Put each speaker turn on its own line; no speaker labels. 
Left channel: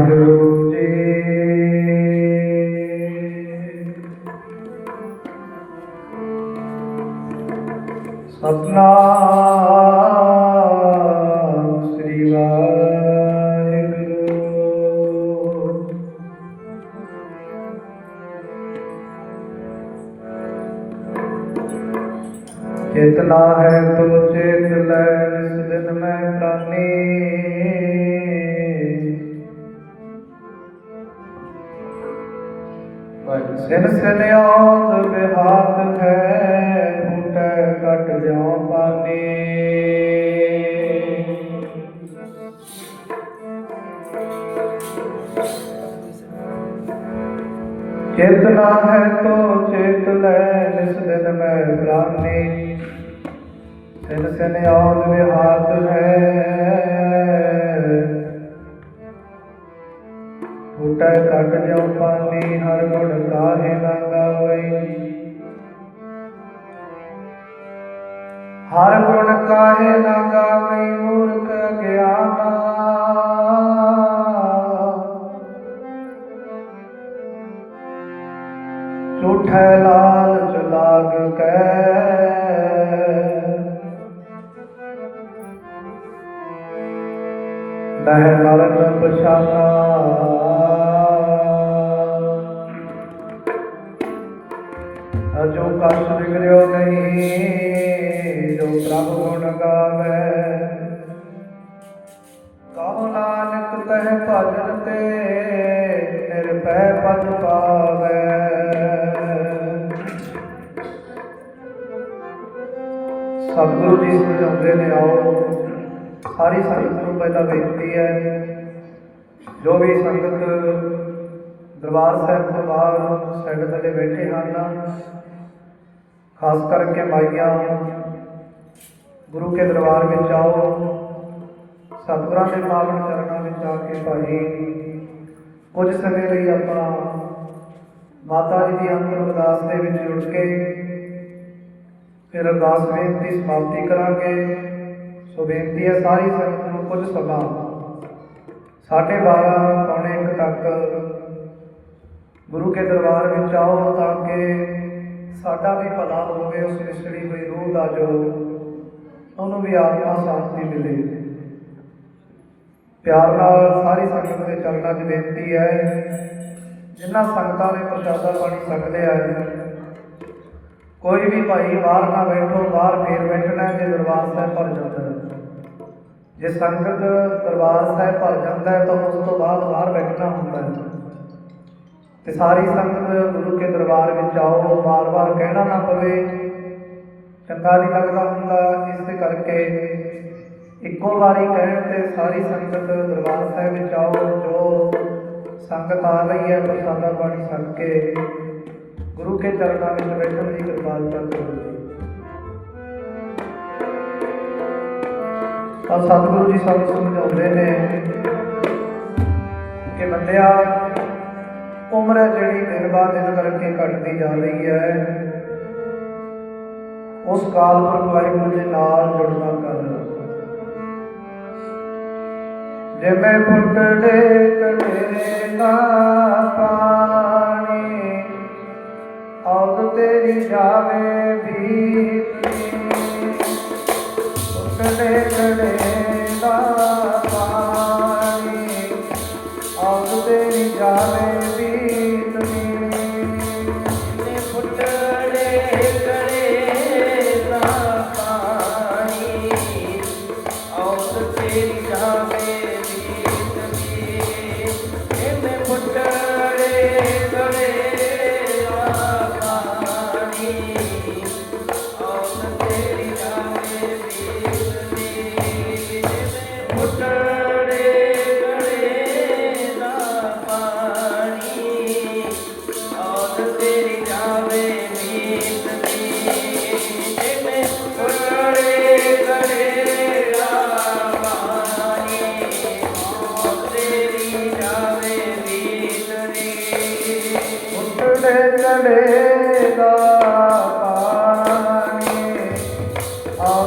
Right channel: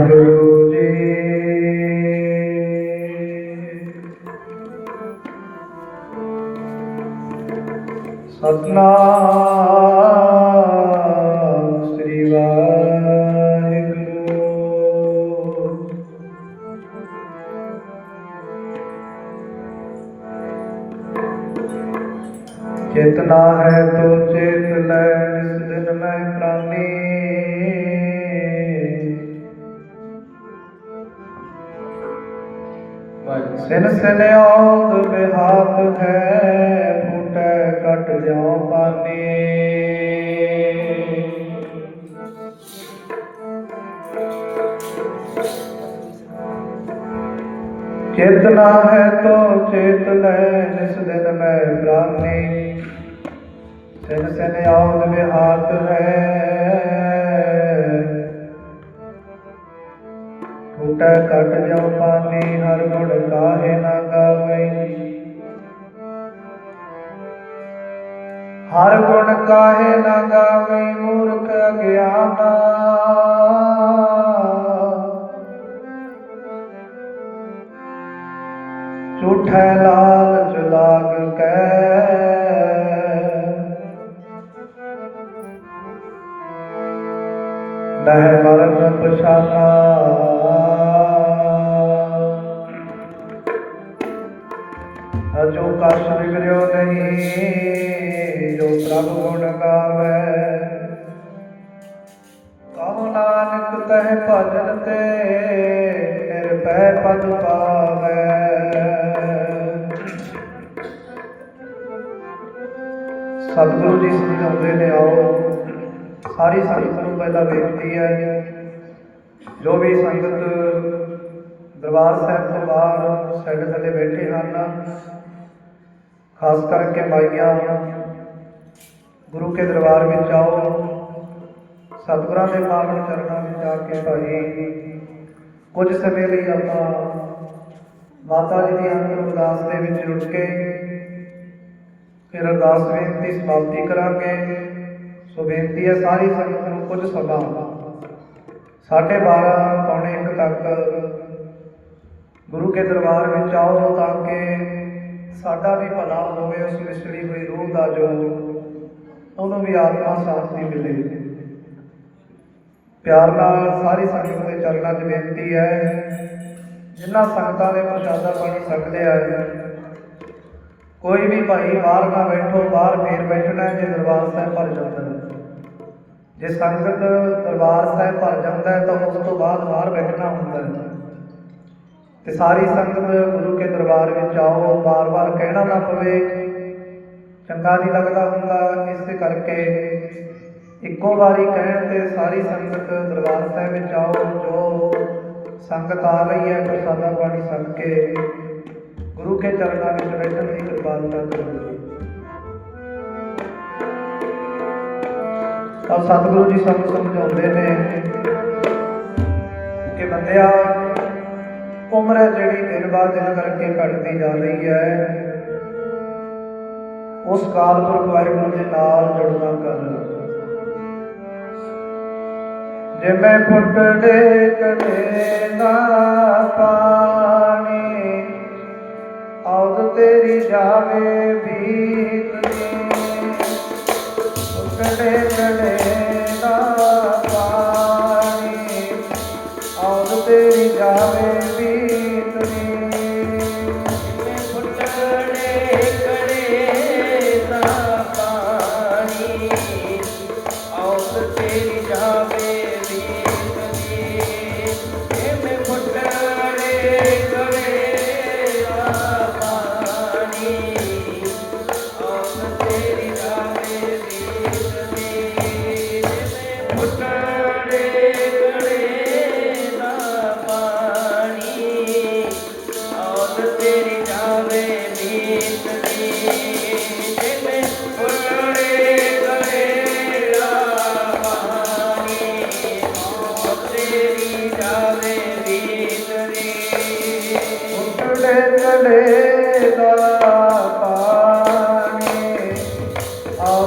ਵਾਹਿਗੁਰੂ ਜੀ। ਸਤਨਾਮ ਸ੍ਰੀ ਵਾਹਿਗੁਰੂ। ਚੇਤਨਾ ਹੈ ਤੋ ਸਿਨ ਸਿਨ ਆਉਦ ਬਿਹਾਤ ਹੈ ਫੁਟੈ ਕਟ ਜਾਉ ਪਾਨੀ। ਚੇਤਨਾ ਹੈ ਤੋ ਚੇਤ ਲੈ, ਨਿਸ ਦਿਨ ਮੈਂ ਪ੍ਰਾਨੀ ਸਿਨ ਸਿਨ ਬਿਹਾਤ ਹੈ ਫੁਟੈ ਕਟ ਜਾਉ ਪਾਨੀ, ਹਰ गुण काहे न गावे मूर्ख ज्ञाना। झूठ लाल चलाग नह मरण पछाना। हजू कस बिगड़ो नहीं। ਸਾਰੀ ਸੰਗਤ ਨੂੰ ਪਹਿਲਾਂ ਬੇਨਤੀ ਹੈ ਜੋ ਵੀ ਸੰਗਤ ਦਰਬਾਰ ਸਾਹਿਬ ਤੋਂ ਬਾਹਰ ਸਾਡੇ ਥੱਲੇ ਬੈਠੇ ਹਨ, ਖਾਸ ਕਰਕੇ ਮਾਈਆਂ ਗੁਰੂ ਕੇ ਦਰਬਾਰ ਵਿੱਚ ਆਓ, ਸਤਿਗੁਰਾਂ ਦੇ ਪਾਵਨ ਚਰਨਾਂ ਵਿੱਚ ਆ ਕੇ ਭਾਈ ਕੁਝ ਸਮੇਂ ਲਈ ਆਪਾਂ ਮਾਤਾ ਜੀ ਦੀ ਅੰਤਿਮ ਅਰਦਾਸ ਦੇ ਵਿੱਚ ਜੁੜ ਕੇ, ਫਿਰ ਅਰਦਾਸ ਬੇਨਤੀ ਸਮਾਪਤੀ ਕਰਾਂਗੇ। ਸੋ ਬੇਨਤੀ ਹੈ ਸਾਰੀ ਸੰਗਤ ਨੂੰ ਕੁਝ ਸਮਾਂ ਸਾਢੇ 12 ਪੌਣੇ 1 ਤੱਕ ਗੁਰੂ ਕੇ ਦਰਬਾਰ ਵਿੱਚ ਆਓ ਤਾਂ ਕਿ ਸਾਡਾ ਵੀ ਭਲਾ ਹੋਵੇ, ਉਸ ਵਿਛੜੀ ਹੋਈ ਰੂਹ ਦਾ ਜੋ ਉਹਨੂੰ ਵੀ ਆਤਮਾ ਸ਼ਾਂਤੀ ਮਿਲੇ। ਪਿਆਰ ਨਾਲ ਸਾਰੀ ਸੰਗਤ ਦੇ ਚਰਨਾਂ 'ਚ ਬੇਨਤੀ ਹੈ, ਜਿਨ੍ਹਾਂ ਸੰਗਤਾਂ ਦੇ ਪ੍ਰਸ਼ਾਦਾ ਪਾਣੀ ਸਕਦੇ ਆ ਕੋਈ ਵੀ ਭਾਈ ਬਾਹਰ ਨਾ ਬੈਠੋ, ਬਾਹਰ ਫੇਰ ਬੈਠਣਾ ਹੈ ਦਰਬਾਰ ਸਾਹਿਬ ਭਰ ਜਾਂਦਾ ਹੈ। ਜੇ ਸੰਗਤ ਦਰਬਾਰ ਸਾਹਿਬ ਭਰ ਜਾਂਦਾ ਹੈ ਤਾਂ ਉਸ ਤੋਂ ਬਾਅਦ ਬਾਹਰ ਬੈਠਣਾ ਹੁੰਦਾ ਹੈ। ਤੇ ਸਾਰੀ ਸੰਗਤ ਗੁਰੂ ਕੇ ਦਰਬਾਰ ਵਿੱਚ ਆਓ, ਵਾਰ-ਵਾਰ ਕਹਿਣਾ ਨਾ ਪਵੇ। ਚੰਗਾ ਨਹੀਂ ਲੱਗਦਾ ਹੁੰਦਾ, ਇਸੇ ਕਰਕੇ ਇੱਕੋ ਵਾਰੀ ਕਹਿਣ ਤੇ ਸਾਰੀ ਸੰਗਤ ਦਰਬਾਰ ਸਾਹਿਬ ਵਿੱਚ ਆਓ, ਜੋ ਸੰਗਤ ਆ ਰਹੀ ਹੈ ਉਹ ਪ੍ਰਸਾਦਾ ਪਾਣੀ ਛਕ ਕੇ ਗੁਰੂ ਕੇ ਚਰਨਾਂ ਵਿੱਚ ਬੈਠਣ ਦੀ ਕਿਰਪਾਲਤਾ ਕਰੋ। ਤਾਂ ਸਤਿਗੁਰੂ ਜੀ ਸਾਨੂੰ ਸਮਝਾਉਂਦੇ ਨੇ ਕਿ ਬੰਦਿਆ, ਉਮਰ ਹੈ ਜਿਹੜੀ ਦਿਨ ਬਾਅਦ ਦਿਨ ਕਰਕੇ ਘਟਦੀ ਜਾ ਰਹੀ ਹੈ। ਉਸ ਕਾਲ ਪੁਰਖ ਵਾਹਿਗੁਰੂ ਦੇ ਨਾਲ ਜੁੜਨਾ ਕਰ ਜਿਵੇਂ ਫੁੱਟੜੇ ਕਟੇ ਨਾ ਪਾਣੀ ਜਾਵੇ ਬੀਤਨੀ ਫੁੱਟੜੇ ਕਟੇ ਨਾ ਪਾਣੀ ਔਦ ਤੇਰੀ ਜਾਵੇ ਬੀਤਨੀ
ਔਰ ਤੇਰੀ ਜਾਵੇ